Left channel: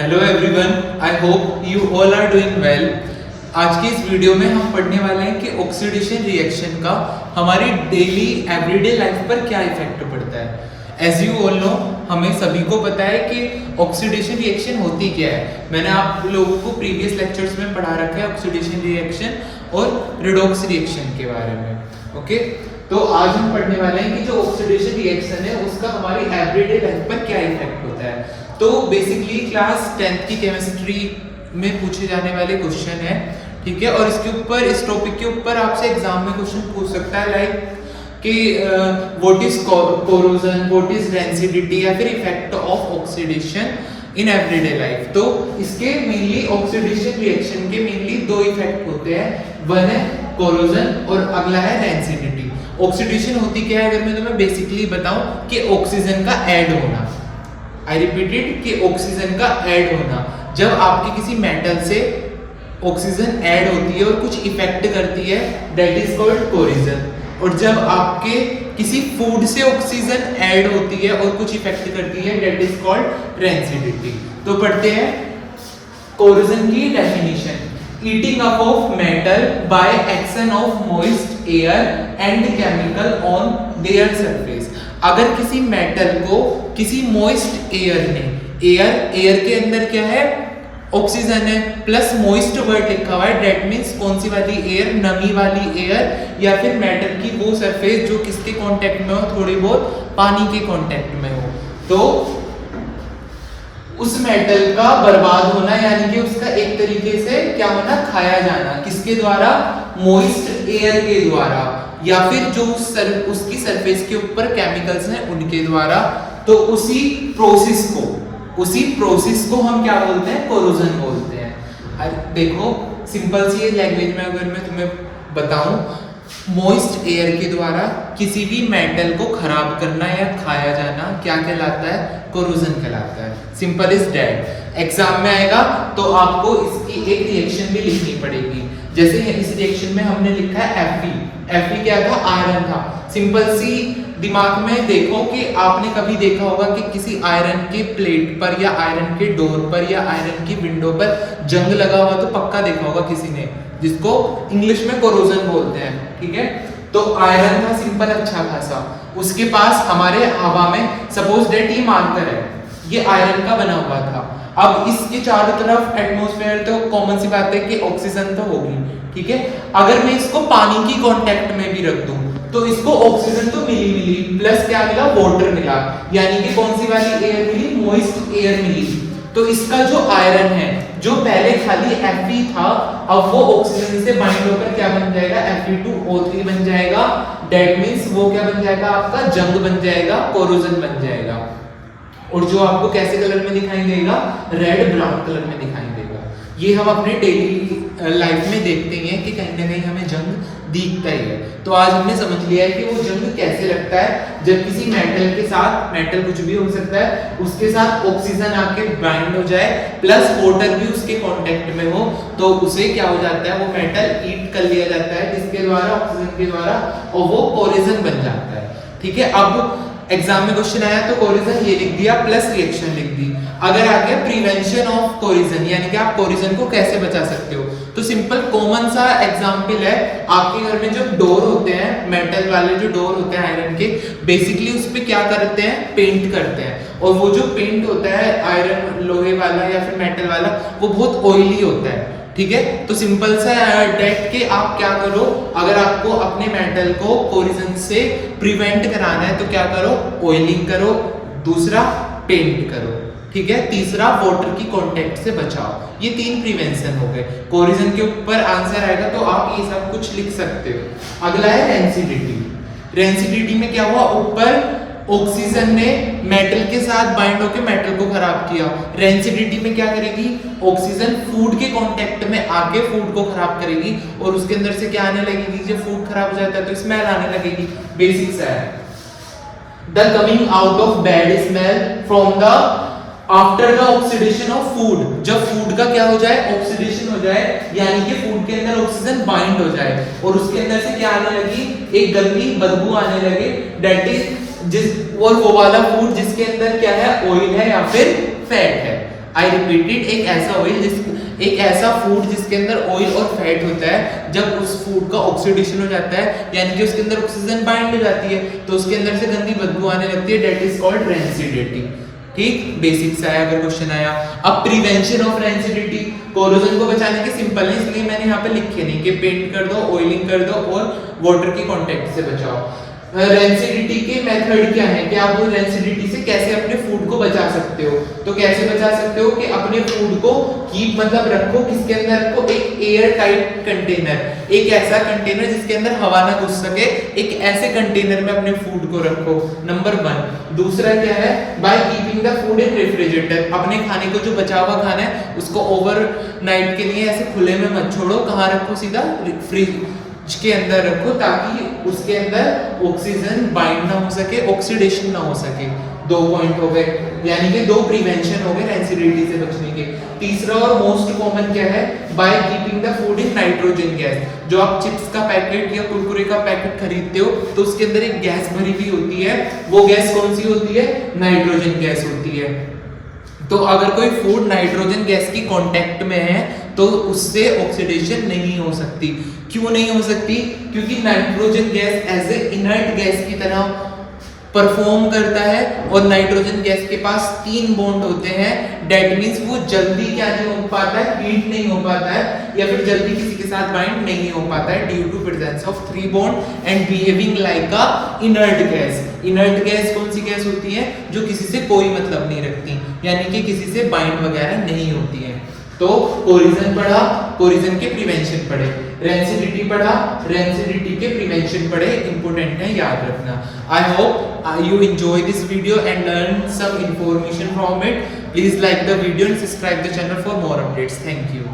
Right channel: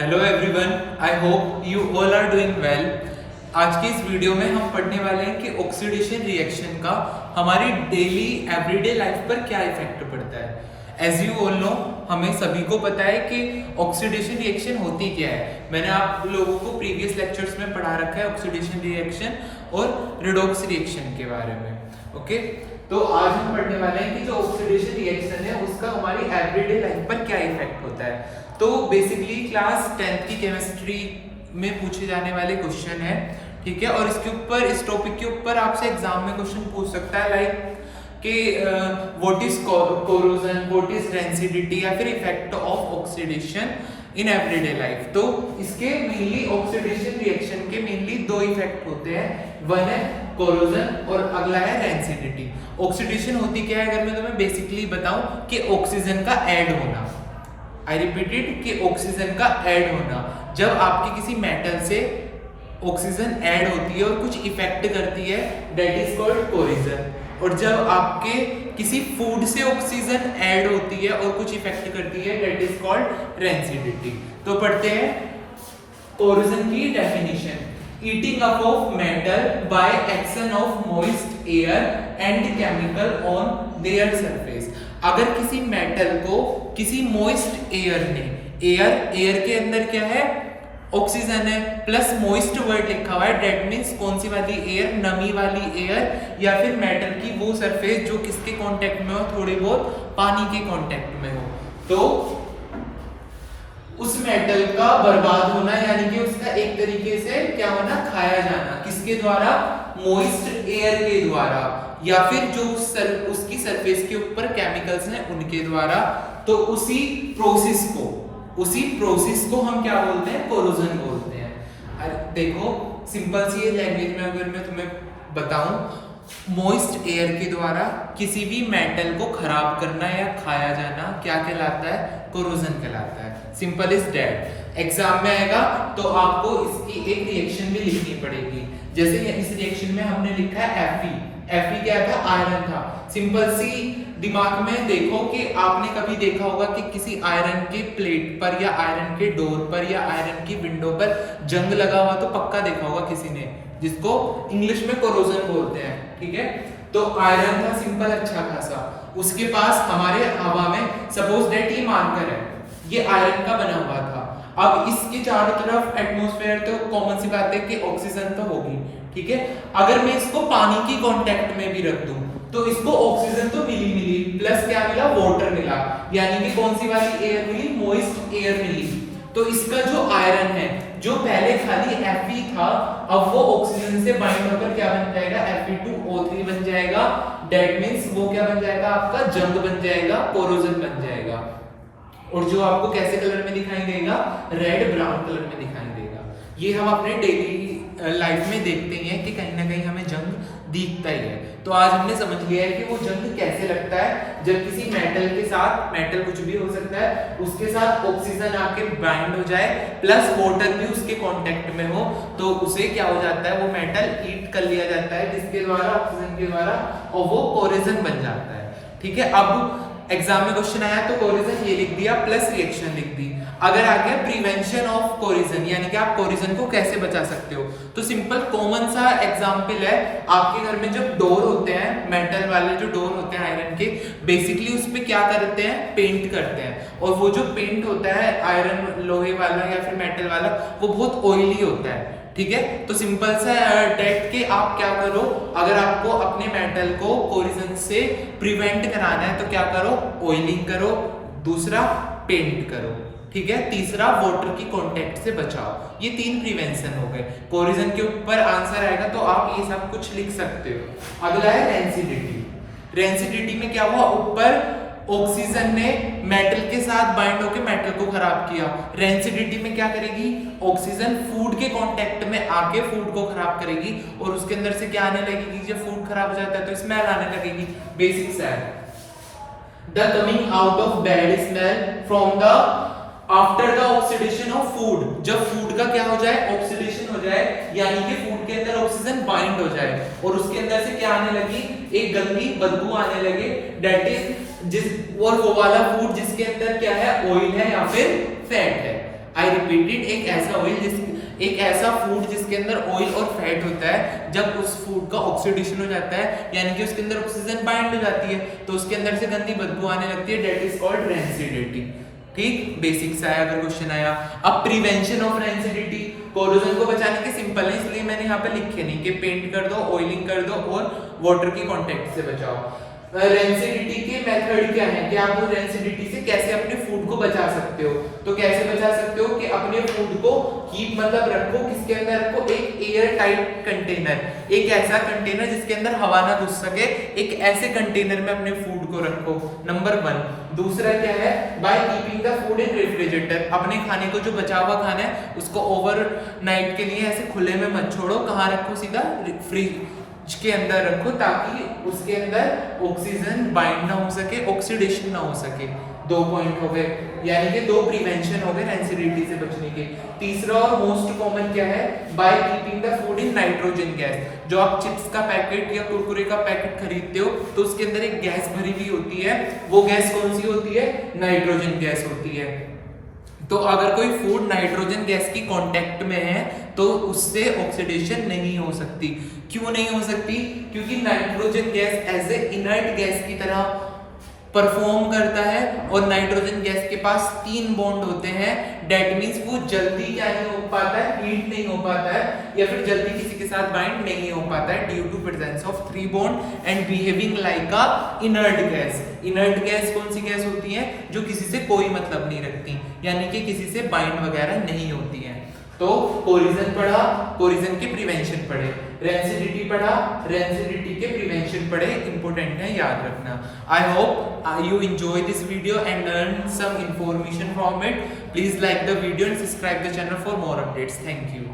Hello everyone, I hope you all are doing well. आज की इस वीडियो में हम पढ़ने वाले हैं कि ऑक्सीडेशन रिएक्शन का हमारी डेली एवरीडे लाइफ पर क्या इफेक्ट पड़ता है। एज यू ऑल नो, हमें सभी को पता है कि ऑक्सीडेशन रिएक्शन होती क्या है। मैंने आप लोगों को प्रीवियस लेक्चर्स में पढ़ा रखा है ऑक्सीडेशन रिएक्शन और रिडॉक्स रिएक्शन के बारे में। ओके, तो आज हम पढ़ने वाले हैं कि जो ऑक्सीडेशन रिएक्शन है उसका हमारी एवरीडे लाइफ पर क्या इफेक्ट होता है। तो बेसिकली क्लास 10th की केमिस्ट्री में पूछे जाने वाले क्वेश्चन है, ठीक है। और इसके ऊपर, इस टॉपिक के ऊपर आपसे एग्जाम में क्वेश्चन पूछ सकता है लाइक कि what is corrosion, what is rancidity या फिर effect of oxidation in everyday life. तो इसके मेनली ऑक्सीडेशन रिएक्शन के मेनली दो इफेक्ट होते हैं, वन है कोरोजन और अगला है रेंसिडिटी। ऑक्सीडेशन होती क्या है, अगर मैं तुम्हें बेसिकली बताऊं कि ऑक्सीजन का ऐड होना, आई रिपीटेड कि ऑक्सीजन का ऐड होना। जब आपके किसी मेटल से ऑक्सीजन ऐड होती है और कुछ इफेक्ट करती है, दैट इज कॉल्ड कोरोजन। और जब आपके किसी फूड से ऑक्सीजन ऐड होती है और कुछ इफेक्ट करती है, दैट इज कॉल्ड रेंसिडिटी। तो पढ़ते हैं कोरोजन की definition. Eating up of metal by action of moist air and chemical on their surface. अगर किसी मेटल को किसी मॉइस्ट एयर ने, एयर के अंदर क्या है, ऑक्सीजन है प्लस मॉइस्ट वर्ड लिखा हुआ है, दैट मींस कौन सी वाली एयर, नमी वाली एयर या फिर मेटल की वो सरफेस जो किसके कांटेक्ट में हो, थोड़ी बहुत पानी के कांटेक्ट में हो, तो उस मेटल का बर्बाद होना, यानी कि उसका एक तरीके से क्या होना, खाया जाना। किसके द्वारा? मॉइस्ट एयर के द्वारा, या फिर जो उसकी सरफेस के ऊपर केमिकल्स हैं उनके द्वारा। तो उसी प्रोसेस को हम क्या बोलते हैं, कोरोजन बोलते हैं। देखो सिंपल सी लैंग्वेज में अगर मैं तुम्हें बताऊं, मॉइस्ट एयर के द्वारा किसी भी मेटल को खराब करना या खाया जाना क्या कहलाता है, कोरोजन कहलाता है। Simple is that. एग्जाम में आएगा तो आपको इसकी एक रिएक्शन भी लिखनी पड़ेगी। जैसे इस रिएक्शन में हमने लिखा है Fe क्या था, आयरन था। सिंपल सी दिमाग में देखो कि आपने कभी देखा होगा कि किसी आयरन के प्लेट पर या आयरन के डोर पर या आयरन की विंडो पर जंग लगा हुआ, तो पक्का देखा होगा किसी ने, जिसको इंग्लिश में कोरोजन बोलते हैं, ठीक है। तो आयरन था सिंपल अच्छा खासा, उसके पास हमारे हवा में सपोज दैट ये मार्कर है, ये आयरन का बना हुआ था। अब इसके चारों तरफ एटमॉस्फेयर, तो कॉमन सी बात है कि ऑक्सीजन तो होगी, ठीक है। अगर मैं इसको पानी की कांटेक्ट में भी रख दूं तो इसको ऑक्सीजन तो मिली प्लस क्या मिला, वाटर मिला, यानी कि कौन सी वाली एयर मिली, मॉइस्ट एयर मिली। तो इसका जो आयरन है, जो पहले खाली Fe था, अब वो ऑक्सीजन से बाइंड होकर क्या बन जाएगा, Fe2O3 बन जाएगा। दैट मींस वो क्या बन जाएगा, आपका जंग बन जाएगा, कोरोजन बन जाएगा। और जो आपको कैसे कलर में दिखाई देगा, रेड ब्राउन कलर में दिखाई देगा। ये हम अपने डेली लाइफ में देखते ही हैं कि कहीं ना कहीं हमें जंग दिखता ही है। तो आज हमने समझ लिया है कि वो जंग कैसे लगता है, जब किसी मेटल के साथ, मेटल कुछ भी हो सकता है, उसके साथ ऑक्सीजन आके बाइंड हो जाए प्लस वाटर भी उसके कांटेक्ट में हो, तो उसे क्या हो जाता है, वो मेटल ईट कर लिया जाता है किसके द्वारा, ऑक्सीजन के द्वारा, और वो कोरोजन बन जाता है, ठीक है। अब एग्जाम में क्वेश्चन आया तो कोरोजन ये लिख दिया प्लस रिएक्शन लिख दी। अगर आ गया प्रिवेंशन ऑफ कोरोजन, यानी कि आप कोरोजन को कैसे बचा सकते हो, तो सिंपल कॉमन सा एग्जांपल है, आपके घर में जब डोर होते हैं, मेटल वाले जो डोर होते हैं आयरन के, बेसिकली उस पे क्या करते हैं, पेंट करते हैं। और वो जो पेंट होता है आयरन, लोहे वाला या फिर मेटल वाला, वो बहुत ऑयली होता है, ठीक है। तो सिंपल सा डेट के आप क्या करो, अगर आपको अपने मेटल को कोरोजन से प्रिवेंट कराना है तो क्या करो, ऑयलिंग करो, दूसरा पेंट करो, ठीक है, तीसरा वाटर की कांटेक्ट से बचाओ। ये 3 प्रिवेंशन हो गए। कोरोजन के ऊपर आंसर आएगा तो आप ये सब कुछ लिख सकते हो। अगला है रेंसिडिटी। रेंसिडिटी में क्या हुआ, ऊपर ऑक्सीजन ने मेटल के साथ बाइंड होकर मेटल को खराब किया। रेंसिडिटी में क्या करेगी, ऑक्सीजन फूड के कांटेक्ट में आके फूड को खराब करेगी, और उसके अंदर से क्या आने लगेगी, जब फूड खराब हो जाता है तो स्मेल आने लगेगी, बेसिक सा है। The coming out of bad smell from the after the oxidation of food. जब फूड का क्या हो जाए, ऑक्सीडेशन हो जाए, यानी कि फूड के अंदर ऑक्सीजन बाइंड हो जाए और उसके अंदर से क्या आने लगी, एक गंदी बदबू आने लगे, दैट इज और वो वाला फूड जिसके अंदर क्या है, ऑयल है या फिर फैट है। आई रिपीटेड, एक ऐसा फूड जिसके अंदर ऑयल और फैट होता है, जब उस फूड का ऑक्सीडेशन हो जाता है यानी कि उसके अंदर ऑक्सीजन बाइंड हो जाती है तो उसके अंदर से गंदी बदबू आने लगती है, दैट इज कॉल्ड रेंसिडिटी। ठीक, बेसिक सा है अगर क्वेश्चन आया। अब प्रिवेंशन ऑफ रेंसिडिटी, कोरोजन को बचाने के सिंपल है इसलिए मैंने यहाँ पे लिखे नहीं कि पेंट कर दो, ऑयलिंग कर दो और वाटर की कांटेक्ट से बचाओ। रेंसिडिटी के मेथड क्या है कि आप वो रेंसिडिटी से कैसे अपने फूड को बचा सकते हो। तो कैसे बचा सकते हो कि अपने फूड को कीप मतलब रखो किसके अंदर रखो, एक एयर टाइट कंटेनर, एक ऐसा कंटेनर जिसके अंदर हवा ना घुस सके, एक ऐसे कंटेनर में अपने फूड को रखो, नंबर 1। दूसरा क्या है, by keeping the food in refrigerator, अपने खाने को जो बचा हुआ खाना है उसको ओवरनाइट के लिए ऐसे खुले में मत छोड़ो, कहाँ रखो, सीधा फ्रिज के अंदर रखो ताकि उसके अंदर ऑक्सीजन बाइंड ना हो सके, ऑक्सीडेशन ना हो सके। 2 पॉइंट हो गए, यानी कि 2 प्रिवेंशन हो गए रेंसिडिटी से बचने के। तीसरा और मोस्ट कॉमन क्या है, by keeping the food in nitrogen gas. जो आप चिप्स का पैकेट या कुरकुरे का पैकेट खरीदते हो तो उसके अंदर एक गैस भरी हुई होती है, वो गैस कौन सी होती है, नाइट्रोजन गैस होती है। तो अगर कोई फूड नाइट्रोजन गैस की कांटेक्ट में है तो उससे ऑक्सीडेशन नहीं हो सकती। क्यों नहीं हो सकती, क्योंकि nitrogen gas as a inert gas की तरह परफॉर्म करता है और नाइट्रोजन गैस के पास 3 बॉन्ड होते हैं, डेट मीन्स वो जल्दी क्या नहीं हो पाता है, हीट नहीं हो पाता है या फिर जल्दी किसी के साथ बाइंड नहीं हो पाता है due to presence of 3 bond and behaving like a inert gas. Inert gas कौन सी गैस होती है, जो किसी से कोई मतलब नहीं रखती, यानी कि किसी से बाइंड वगैरह नहीं होती है। तो कोरिजन पढ़ा, कोरिजन के प्रिवेंशन पढ़े, रेंसिडिटी पढ़ा, रेंसिडिटी के प्रिवेंशन पढ़े, इंपॉर्टेंट है, याद रखना। I hope you enjoy this video and learn some information from it. Please like the video and subscribe the channel for more updates. Thank you.